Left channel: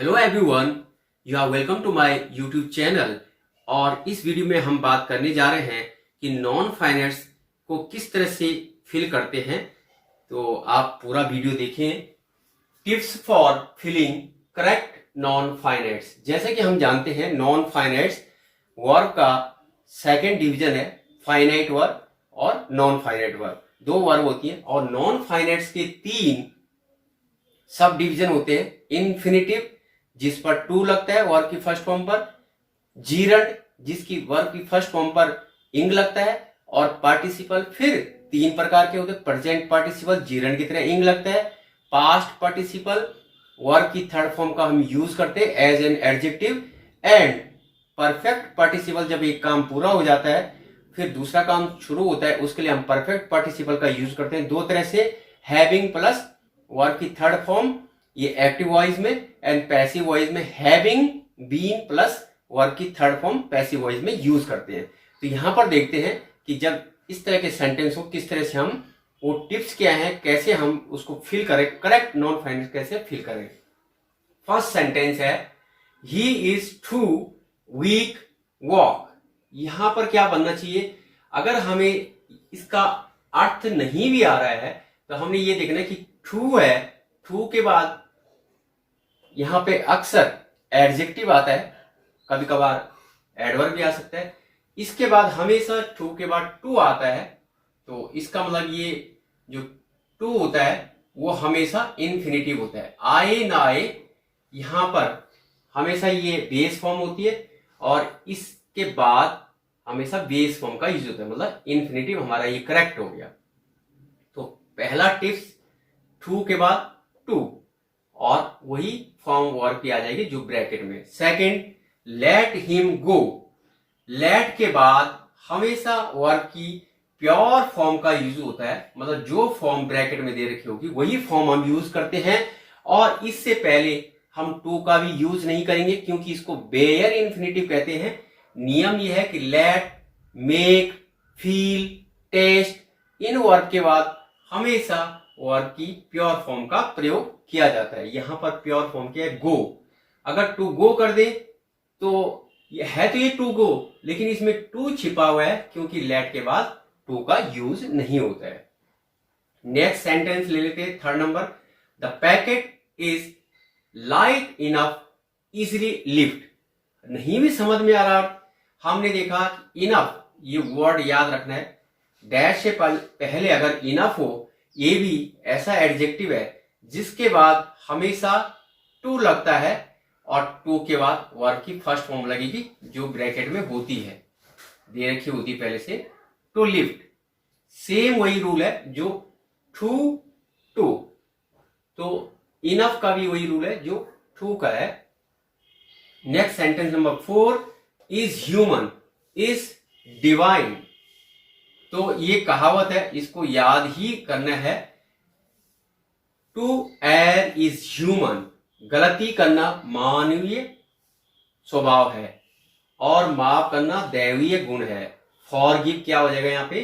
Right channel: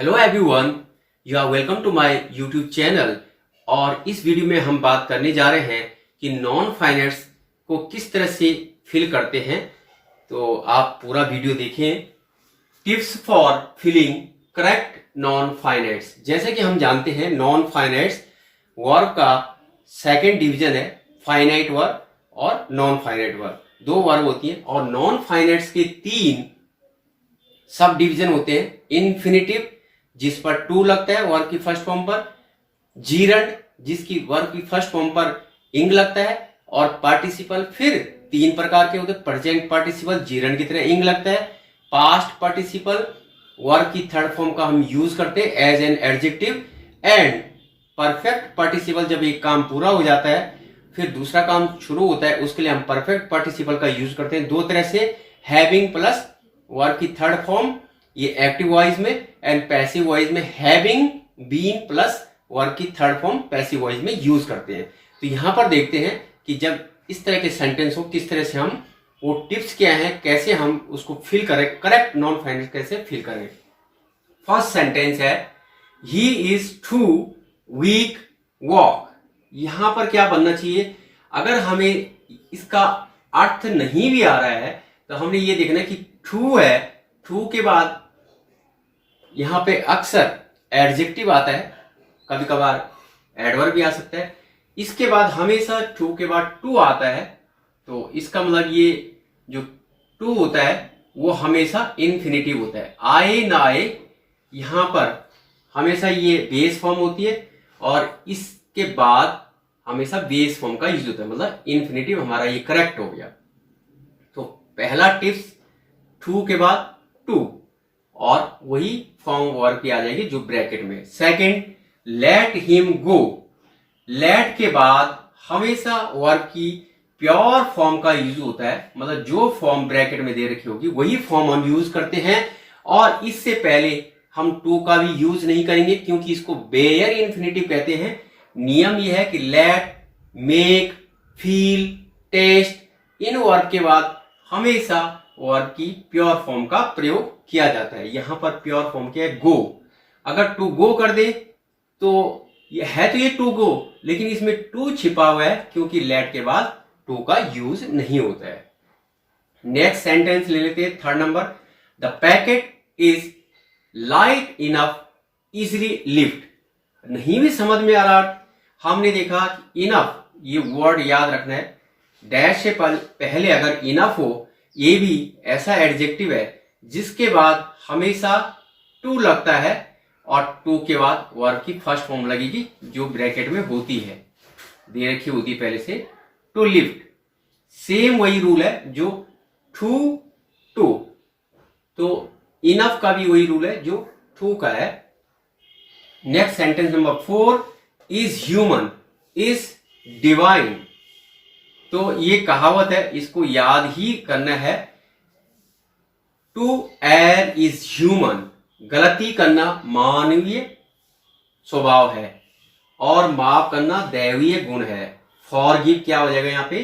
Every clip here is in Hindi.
Hello everyone, you are welcome to my YouTube channel. और इस वीडियो में हम बात करने जा रहे हैं कि नॉन फाइनेंस को किस तरह से फिल करते हैं। तो आप पूरा वीडियो देखें। Tips for filling correct non finance. जैसे कि हम जानते हैं नॉन फाइनेंस वर्ब का सेकंड डिवीजन है, फाइनाइट वर्ब और नॉन फाइनाइट वर्ब। दो वर्ब होती हैं और नॉन फाइनेंस के तीन सब डिवीजन होते हैं। इन्फिनिटिव जिस पर टू लगता है वर्ब की फर्स्ट फॉर्म पर, जीरंड जिसकी वर्ब की फर्स्ट फॉर्म पर इंग लगता है, और पार्टिसिपल फिर तीन प्रकार के होते हैं। प्रेजेंट पार्टिसिपल जीरंड की तरह इंग लगता है। पास्ट पार्टिसिपल वर्ब की थर्ड फॉर्म का हम यूज करते हैं as an adjective. And perfect participle जब एक काम पूरा हो जाता है फिर दूसरा काम शुरू होता है, उसके लिए हम परफेक्ट पार्टिसिपल का यूज करते हैं दो तरह से। हैविंग प्लस वर्ब की थर्ड फॉर्म, ये एक्टिव वॉइस में, एंड पैसिव वॉइस में हैविंग बीन प्लस वर्ब की थर्ड फॉर्म पैसिव वॉइस में यूज करते हैं। तो यहां पर देखते हैं कि जब इस तरह के सेंटेंस हो किस तरह से हम वो टिप्स क्या हैं, कैसे हम उसको फिल करें, करेक्ट नॉन फाइनेंस कैसे फिल करें। फर्स्ट सेंटेंस है he is too weak walk. यहां पर क्या बनना चाहिए, अगर हमें इसका अर्थ नहीं भी आ रहा है तो हमने ये देखना कि टू है, टू के बाद यहां पे अक्सर एडजेक्टिव आता है, कभी कभार एडवर्ब भी आ सकता है। इसके बाद हमेशा टू के बाद टू आता है, तो इसका मतलब ये जो टू होता है वो हमेशा इन्फिनिटिव होता है। आए ना आए यहां पर हमेशा ये बेस फॉर्म होती है और इसके बाद हमेशा बेस फॉर्म का यूज होता है, मतलब इन्फिनिटिव हमारा ये करेक्ट हो गया। तो पहला टिप्स टू के बाद टू और वही फॉर्म वर्ब की आ जाएगी जो ब्रैकेट में। Second, let him go. Let के बाद हमेशा वर्ब की प्योर फॉर्म का यूज होता है, मतलब जो फॉर्म ब्रैकेट में दे रखी होगी वही फॉर्म हम यूज करते हैं। और इससे पहले हम टू का भी यूज नहीं करेंगे क्योंकि इसको बेयर इन्फिनिटिव कहते हैं। नियम यह है कि लेट, मेक, फील, टेस्ट इन वर्ब के बाद हमेशा वर्ब की प्योर फॉर्म का प्रयोग किया जाता है। यहां पर प्योर फॉर्म क्या है, गो। अगर टू गो कर दे तो ये है तो ये टू गो, लेकिन इसमें टू छिपा हुआ है क्योंकि लेट के बाद टू का यूज नहीं होता है। नेक्स्ट सेंटेंस ले लेते हैं, third number. The packet is light enough easily lift. नहीं भी समझ में आ रहा, हमने देखा इनफ ये वर्ड याद रखना है, डैश से पहले अगर इनफ हो, ये भी ऐसा एडजेक्टिव है जिसके बाद हमेशा टू लगता है और टू के बाद वर्ब की फर्स्ट फॉर्म लगेगी जो ब्रैकेट में होती है, दे रखी होती पहले से, टू लिफ्ट। सेम वही रूल है जो टू टू, तो इनफ का भी वही रूल है जो टू का है। Next sentence number 4, is human is divine. तो ये कहावत है, इसको याद ही करना है। टू एयर इज ह्यूमन, गलती करना मानवीय स्वभाव है और माफ करना दैवीय गुण है। फॉरगिव क्या हो जाएगा यहाँ पे,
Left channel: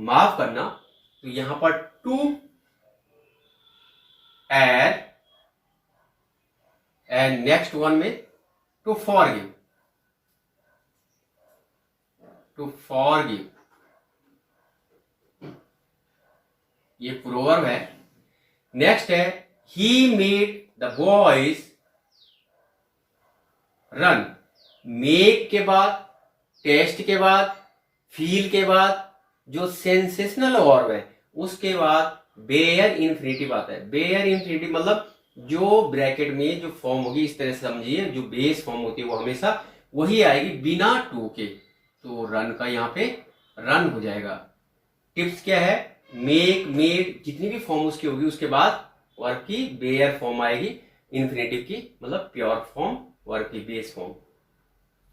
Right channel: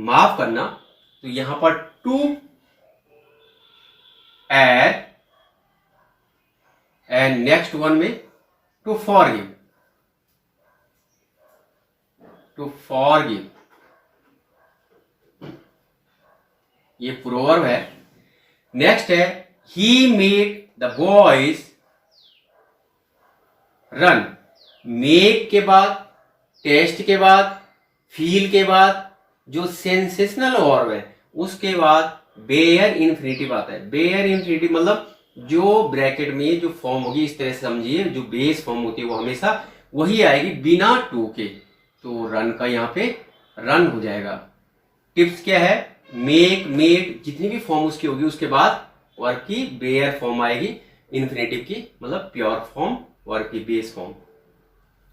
माफ करना, तो यहां पर to err and next one में टू फॉरगिव, टू फॉरगिव ये प्रोवर्ब है। नेक्स्ट है he made the boys run. Make के बाद, टेस्ट के बाद, फील के बाद जो सेंसेशनल वर्ब है उसके बाद बेयर इन्फिनिटिव आता है। बेयर इन्फिनिटिव मतलब जो ब्रैकेट में जो फॉर्म होगी, इस तरह से समझिए, जो बेस फॉर्म होती है वो हमेशा वही आएगी बिना टू के। तो रन का यहाँ पे रन हो जाएगा। टिप्स क्या है, मेक, मेड जितनी भी फॉर्म उसकी होगी उसके बाद वर्ब की बेयर फॉर्म आएगी इन्फिनिटिव की, मतलब प्योर फॉर्म वर्ब की बेस फॉर्म।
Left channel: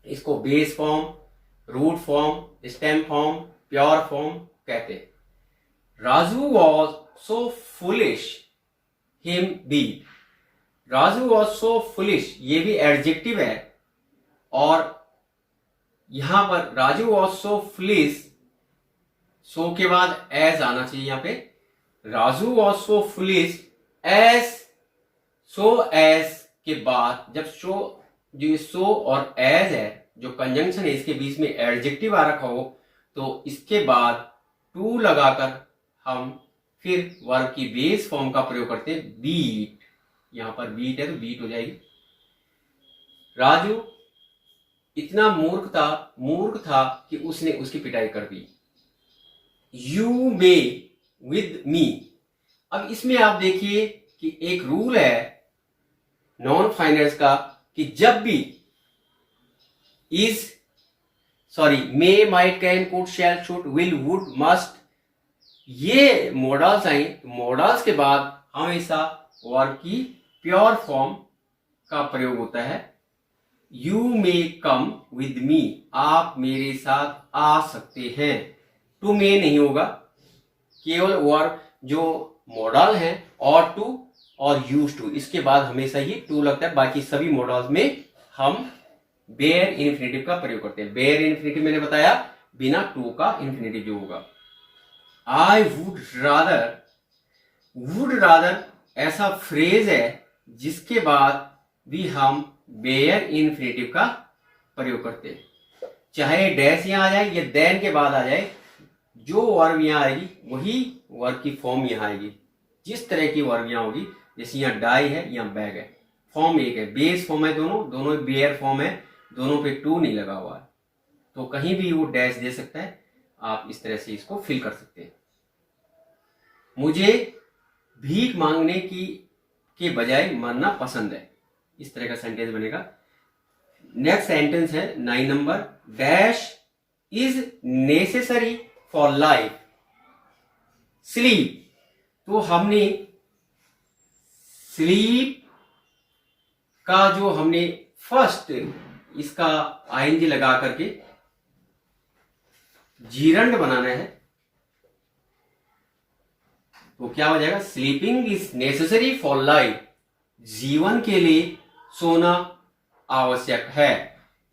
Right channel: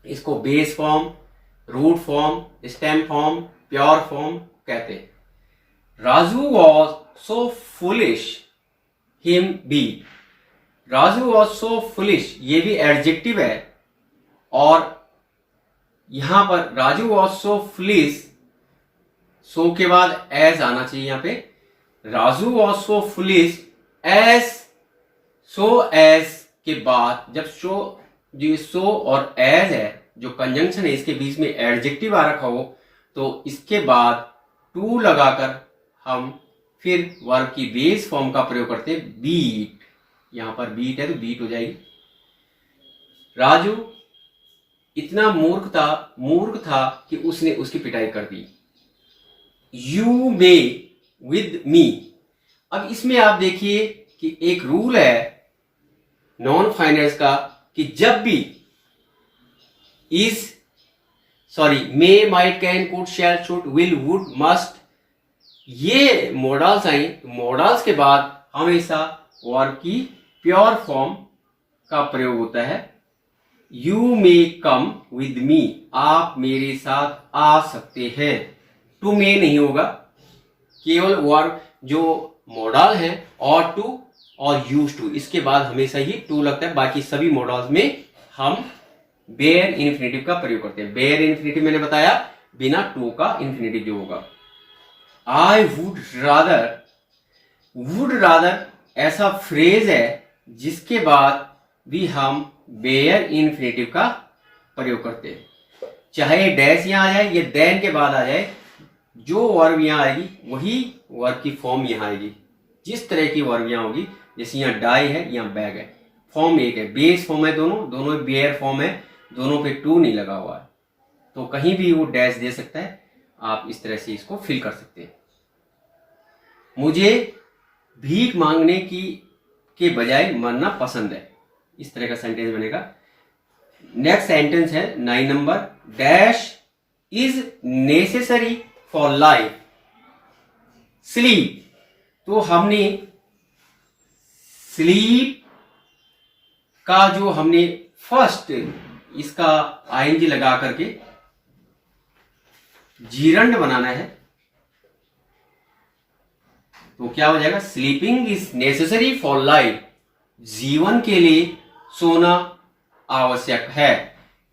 इसको base form, root form, stem form, pure form कहते हैं। Raju was so foolish him be. Raju was so foolish ये भी एडजेक्टिव है और यहां पर Raju was so foolish, so के बाद एज आना चाहिए। यहां पे Raju was so foolish as so as के बाद जब जो सो और एज है जो कंजंक्शन है इसके बीच में एडजेक्टिव आ रखा हो तो इसके बाद टू लगाकर हम फिर वर्ब की बेस फॉर्म का प्रयोग करते हैं बीट। यहां पर बीट है तो बीट हो जाएगी। राजू इतना मूर्ख था कि उसने उसकी पिटाई कर दी। You may with me. अब इसमें आप देखिए कि एक रूल है नॉन फाइनेंस का कि जब भी may might can could shall should will would must ये मॉडल्स आई तो मॉडल्स के बाद हमेशा वर्ब की प्योर फॉर्म का प्रयोग होता है। You may come with me. आप मेरे साथ आ सकते हैं। टू मे नहीं होगा। केवल वर्ब जो मॉडल है और टू और यूज टू इसके बाद हमेशा ही टू लगता है। बाकी सभी मॉडल्स में हम बेयर इन्फिनेटिव का प्रयोग करते हैं। बेयर इन्फिनेटिव मैंने बताया बिना टू का इन्फिनेटिव जो होगा। आई वुड रादर ऐसा फ्रेज है जिसके बाद भी हम बेयर इन्फिनेटिव का प्रयोग करते हैं। चाहे डैश यहां आ जाए या देन के बाद आ जाए, जो वर्ब यहां आएगी वही वर्ब की फॉर्म यहां आएगी। जिस तरह की वर्ब यहां होगी, जैसे यहां डाई है यहां बैग है, फॉर्म एक है, बेस फॉर्म है, दोनों बेयर फॉर्म है, दोनों पे टू नहीं लगा हुआ है तो कहीं भी वो डैश दे सकता है। आप इस तरह से इसको फिल कर सकते हैं। मुझे भीख मांगने के बजाय मरना पसंद है। इस तरह का सेंटेंस बनेगा। नेक्स्ट सेंटेंस है 9 number. Dash is necessary for life. Sleep, तो हमने स्लीप का जो हमने फर्स्ट इसका आईएनजी लगा करके जीरंड बनाना है तो क्या हो जाएगा? Sleeping is necessary for life. जीवन के लिए सोना आवश्यक है।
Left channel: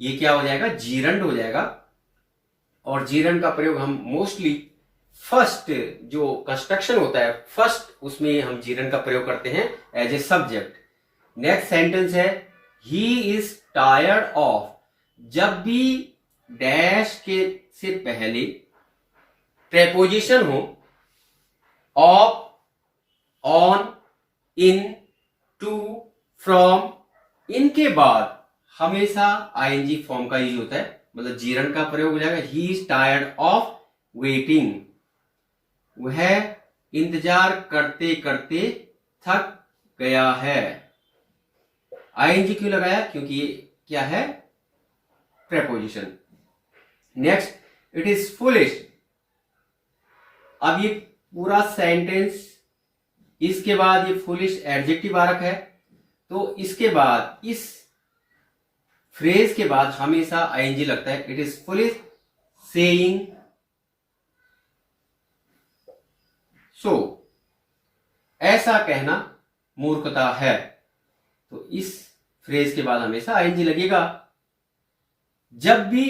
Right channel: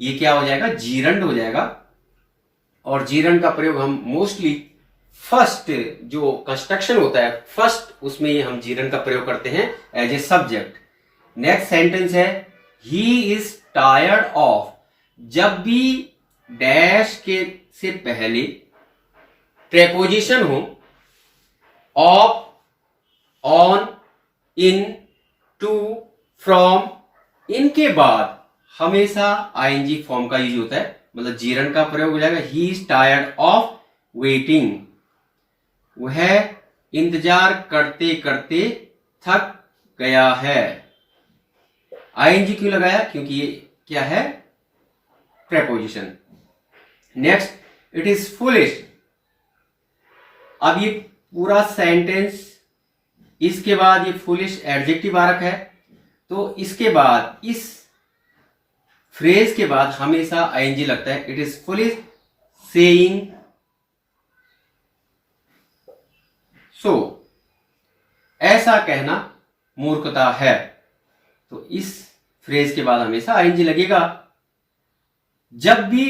ये क्या हो जाएगा? जीरंड हो जाएगा। और जीरंड का प्रयोग हम मोस्टली फर्स्ट जो कंस्ट्रक्शन होता है फर्स्ट उसमें हम जीरंड का प्रयोग करते हैं as a subject. Next sentence है ही इज टायर्ड ऑफ। जब भी डैश के से पहले प्रेपोजिशन हो of, on, in, to, from, इनके बाद हमेशा आईएनजी फॉर्म का यूज होता है, मतलब जीरंड का प्रयोग हो जाएगा। He is tired of waiting. वह इंतजार करते करते थक गया है। आईएनजी क्यों लगाया? क्योंकि ये क्या है? Preposition. Next, it is foolish. अब ये पूरा सेंटेंस इसके बाद ये फुलिश एडजेक्टिव आ रखा है तो इसके बाद इस फ्रेज के बाद हमेशा आईएनजी लगता है। It is foolish saying so. ऐसा कहना मूर्खता है तो इस फ्रेज के बाद हमेशा आईएनजी लगेगा। जब भी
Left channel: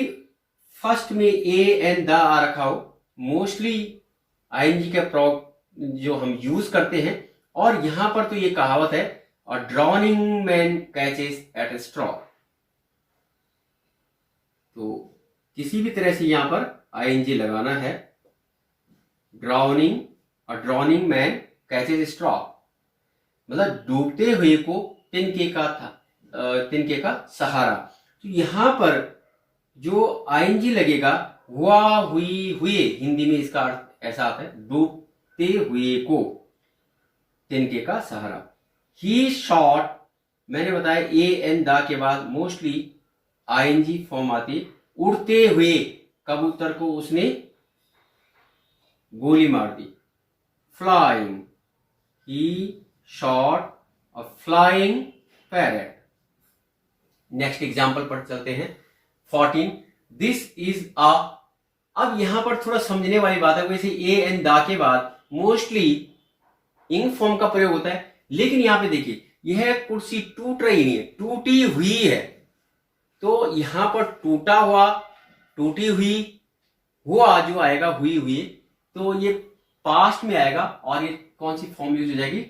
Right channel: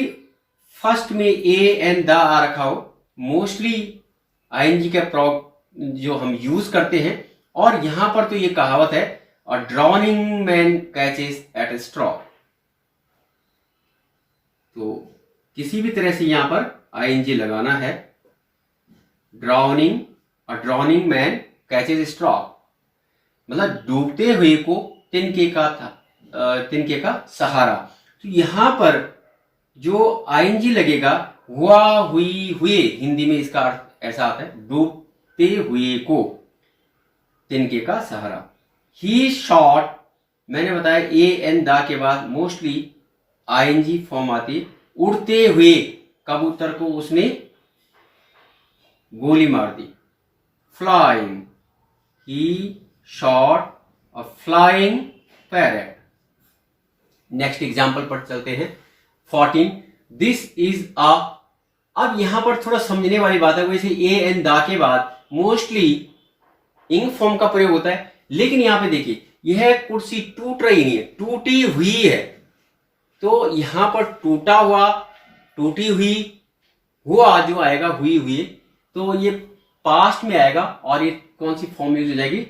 फर्स्ट में ए एंड द आ रखा हो मोस्टली आईएनजी का जो हम यूज करते हैं। और यहां पर तो ये कहावत है, a drowning man catches at a straw. तो किसी भी तरह से यहां पर आईएनजी लगाना है। ड्राउनिंग, अ ड्राउनिंग मैन कैचेस ए स्ट्रॉ, मतलब डूबते हुए को तिनके का सहारा। तो यहां पर जो आईएनजी लगेगा हुआ, हुई, हुए, हिंदी में इसका अर्थ ऐसा आता है डूबते हुए को तिनके का सहारा। ही शॉट, मैंने बताया ए एन द के बाद मोस्टली आईएनजी फॉर्म आती। उड़ते हुए कबूतर को उसने गोली मार दी। फ्लाइंग, ही shot a flying parrot. Next example पर चलते हैं। 14, दिस इज अ। अब यहां पर थोड़ा समझने वाली बात है। वैसे ए एन द के बाद मोस्टली इंग फॉर्म का प्रयोग होता है, लेकिन यहां पे देखिए यह कुर्सी टूट रही नहीं है, टूटी हुई है। तो यहां पर टूटा हुआ, टूटी हुई, हुआ जो आएगा हुई हुई, तो ये पास्ट में आएगा और ये कौन सी फॉर्म यूज हो जाएगी?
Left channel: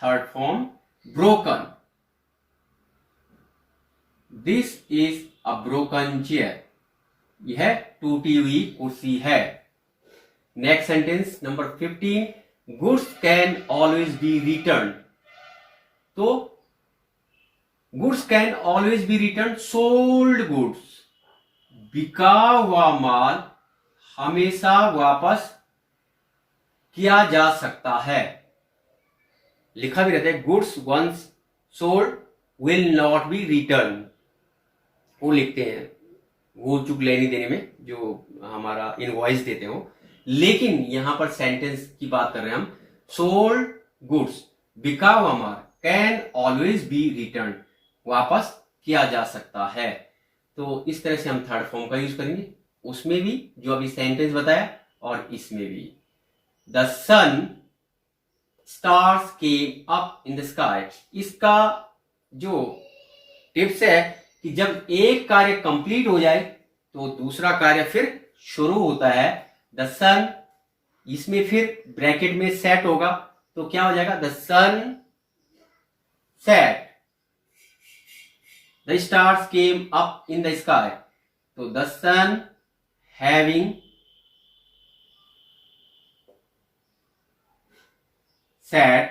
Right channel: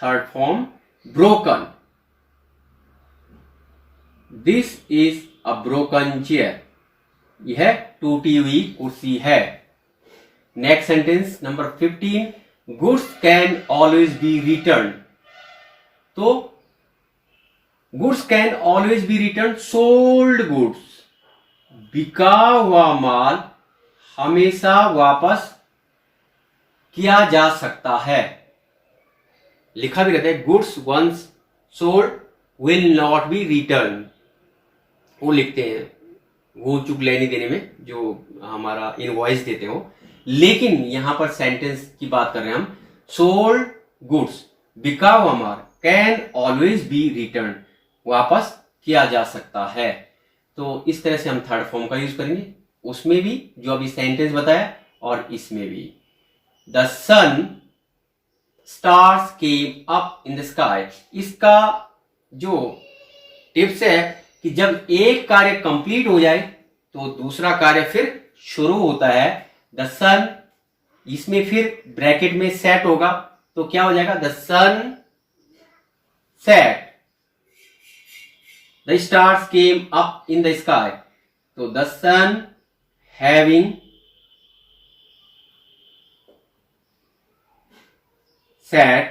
Third form broken. This is a broken chair. यह टूटी हुई कुर्सी है. Next sentence number 15. Goods can always be return. तो goods can always be return. Sold goods, बिका हुआ माल हमेशा वापस किया जा सकता है. लिखा भी रहता है goods once sold will not be return. वो लिखते हैं वो चूक लेने देने में जो हमारा इनवॉइस देते हो. लेकिन यहां पर सेंटेंस की बात कर रहे हैं हम. सोल्ड गुड्स, बिका हुआ माल, कैन ऑलवेज बी रिटर्न, वापस किया जा सकता है. तो इस तरह से हम थर्ड फॉर्म का यूज करेंगे. उसमें भी जो अभी सेंटेंस बताया और इसमें भी. The sun stars came up in the sky. इसका जो टिप्स है कि जब एक कार्य कंप्लीट हो जाए तो दूसरा कार्य फिर शुरू होता है. द सन, इसमें फिर ब्रैकेट में सेट होगा तो क्या हो जाएगा? The sun set. The stars came up in the sky. तो द सन हैविंग सेट.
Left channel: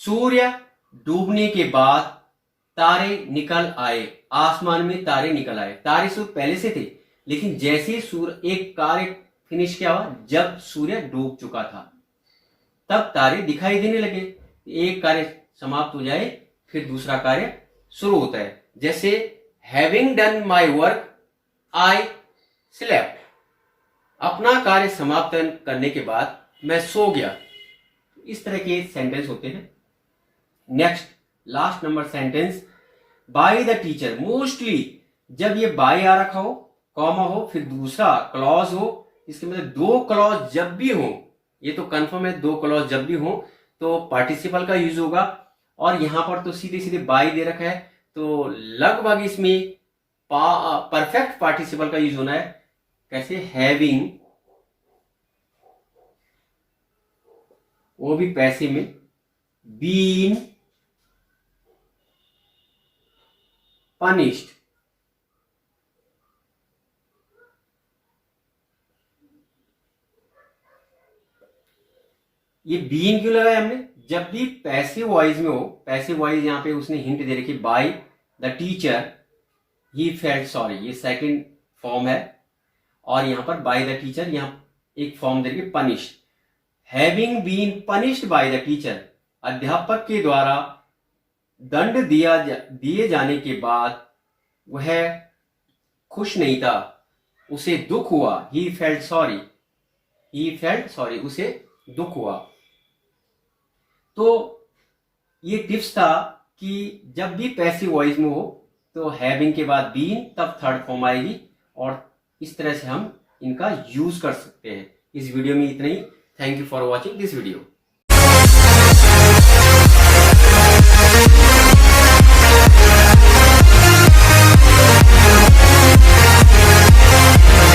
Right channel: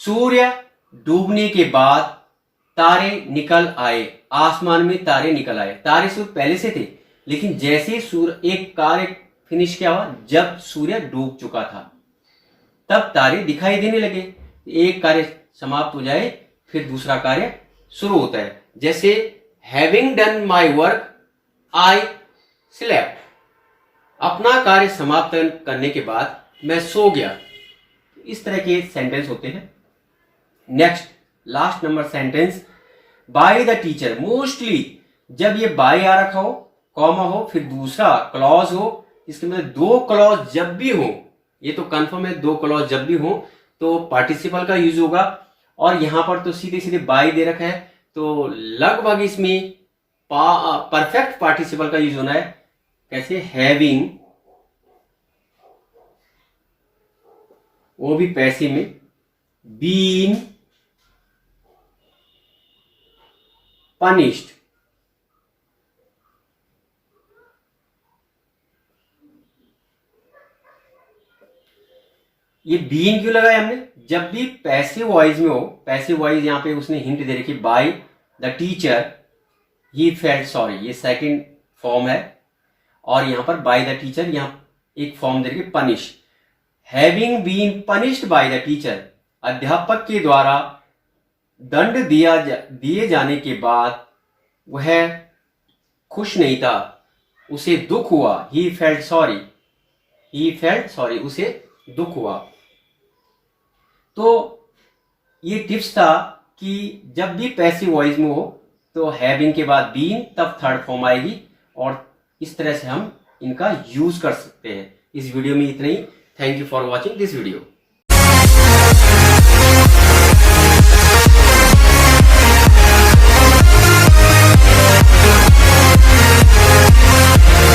सूर्य डूबने के बाद तारे निकल आए. आसमान में तारे निकल आए. तारे सूर्य पहले से थे लेकिन जैसे सूर्य एक कार्य फिनिश क्या हुआ, जब सूर्य डूब चुका था तब तारे दिखाई देने लगे. एक कार्य समाप्त हो जाए फिर दूसरा कार्य शुरू होता है. जैसे having done my work I slept. अपना कार्य समाप्त करने के बाद मैं सो गया. इस तरह के सेंटेंस होते हैं. Next last number sentence by the teacher. Mostly जब ये बाय आ रखा हो, कॉमा हो, फिर दूसरा क्लॉज हो, इसके मतलब दो क्लॉज जब भी हो, ये तो कंफर्म है, दो क्लॉज जब भी हो तो पार्टिसिपल का यूज होगा. और यहां पर तो सीधे सीधे बाय दे रखा है तो लगभग इसमें परफेक्ट पार्टिसिपल का यूज होना है. कैसे? हैविंग, वो भी पैसे में, बीन पनिश्ड. ये बीन क्यों लगाया हमने? जब भी पैसिव वॉइस में हो, पैसिव वॉइस यहां पे उसने हिंट दे रखी bye the teacher he felt sorry, ये सेकंड फॉर्म है. और यहां पर बाय द टीचर, यहां एक फॉर्म दे रखी punish. Having been punished by the teacher, अध्यापक के द्वारा दंड दिए जाने के बाद वह खुश नहीं था, उसे दुख हुआ. He felt sorry, he felt sorry, उसे दुख हुआ. तो ये टिप्स था कि जब भी पैसिव वॉइस में हो तो हैविंग के बाद बीन, तब थर्ड फॉर्म आएगी. और इस तरह से हम इनका यूज कर सकते हैं. इस वीडियो में इतना ही. Thank you for watching this video.